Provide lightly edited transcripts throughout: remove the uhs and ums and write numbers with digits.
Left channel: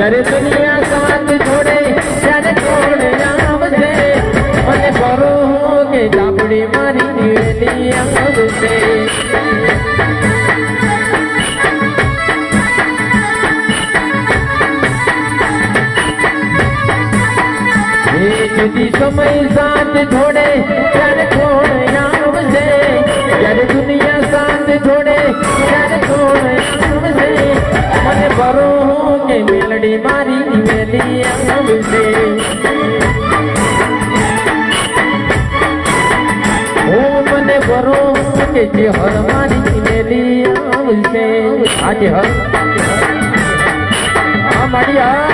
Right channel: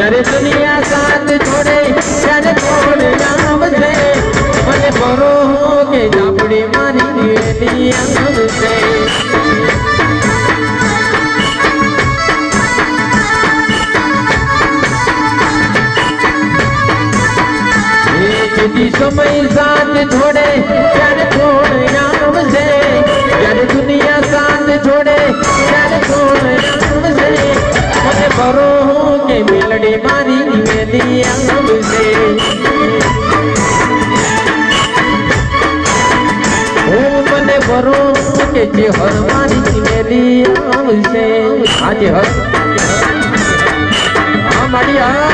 જ્યારે દુનિયા સાથ છોડે ત્યારે કોણ આવશે મને બરો કે જાપડી મારી વેલી આવશે સમય સાથ છોડે ત્યારે કોણ આવશે જ્યારે દુનિયા સાથ છોડે ત્યારે કોણ આવશે મને બરો કે મેલડી મારી વેલી આવશે ઓ મને બરો કે જે હર મારી વેલી આવશે આજે હર હા મારી હા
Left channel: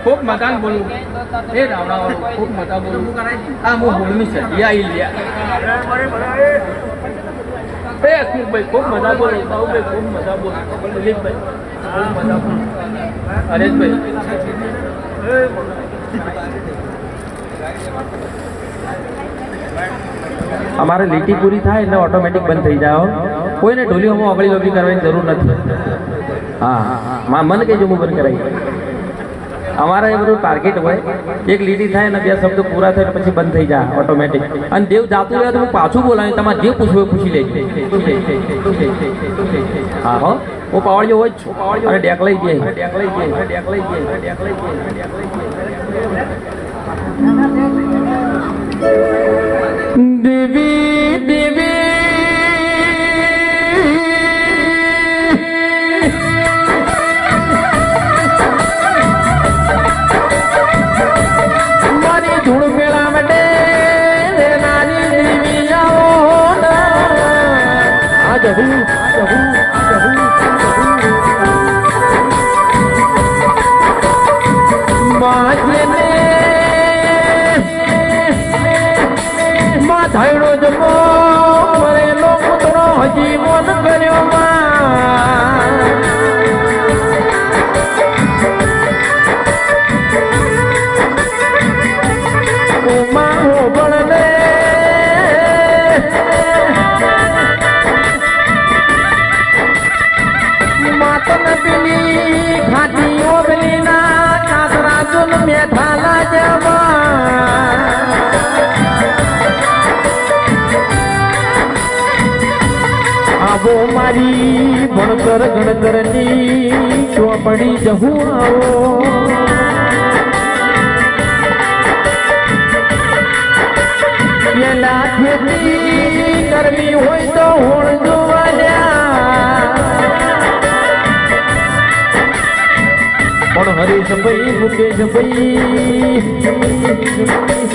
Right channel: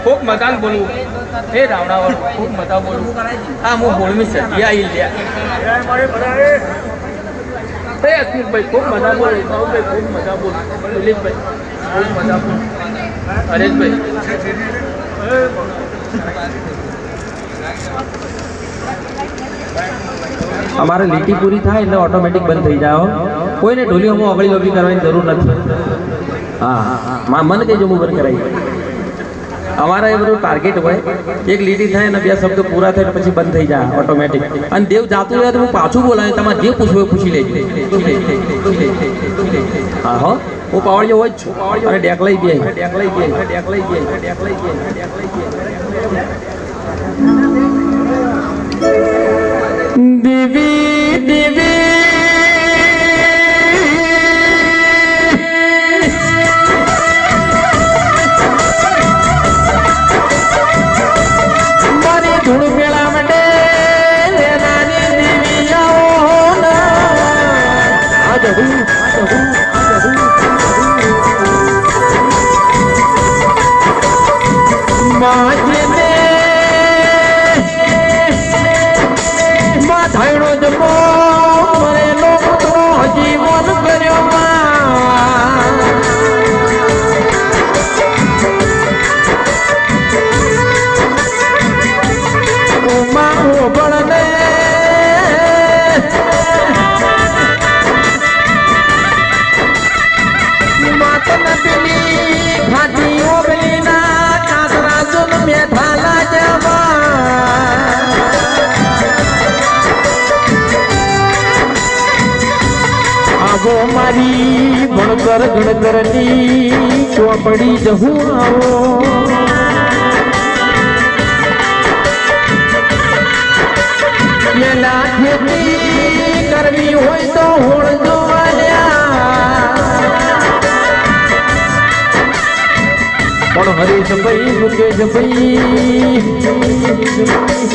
खूब मकान बोलू हे रावणा वालों खूब मता बोलू हां मु बोलमी से या आई लिया हे अखिल भाई खूब मता बोल बाबू भाई खूब मता बोल दिलीप भाई खूब मता बोल हरेश भाई हमारे લીટી પૂરી થાય એટલે ઓટોમેટિક બંધ થઈ જાવ કોઈને ઢોલી હું અગળી લોબી કરવાની જરૂર નથી હા મન કે જો હું બંધ કરાવી हमारा ये બધું ટાર્ગેટ હોય એક લીટી થાય અને બે શબ્દ પૂરા થાય પછી બંધ થઈ જાય ઓટોમેટિક અને દેવ જાતું રહે તો હું પાછું બોલાવ્યું તમારે જે પૂછવું પૂછી લેજો હા હો હું પાવડિયો હોય જ છું અને ડેકલાઈ ગઈ દેવી દેવી મારી ભણતર ગણતરની ચોપડી જહું આવો પેલા ખેતી કરવી હોય તો હોળ પણ હરેશભાઈ મુકેશભાઈ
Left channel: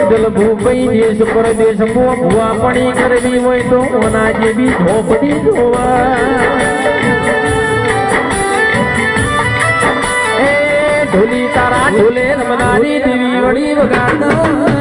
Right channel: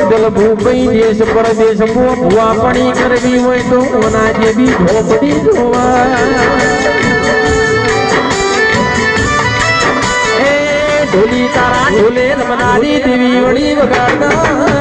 દલભુભાઈ દેશ પરદેશ ભુવાપણી કરવી હોય તો ઓના જેવી ઝોપડી જોવા એ ઢોલી તારા ઢોલે નમનારી દેવી વળી વગાડતા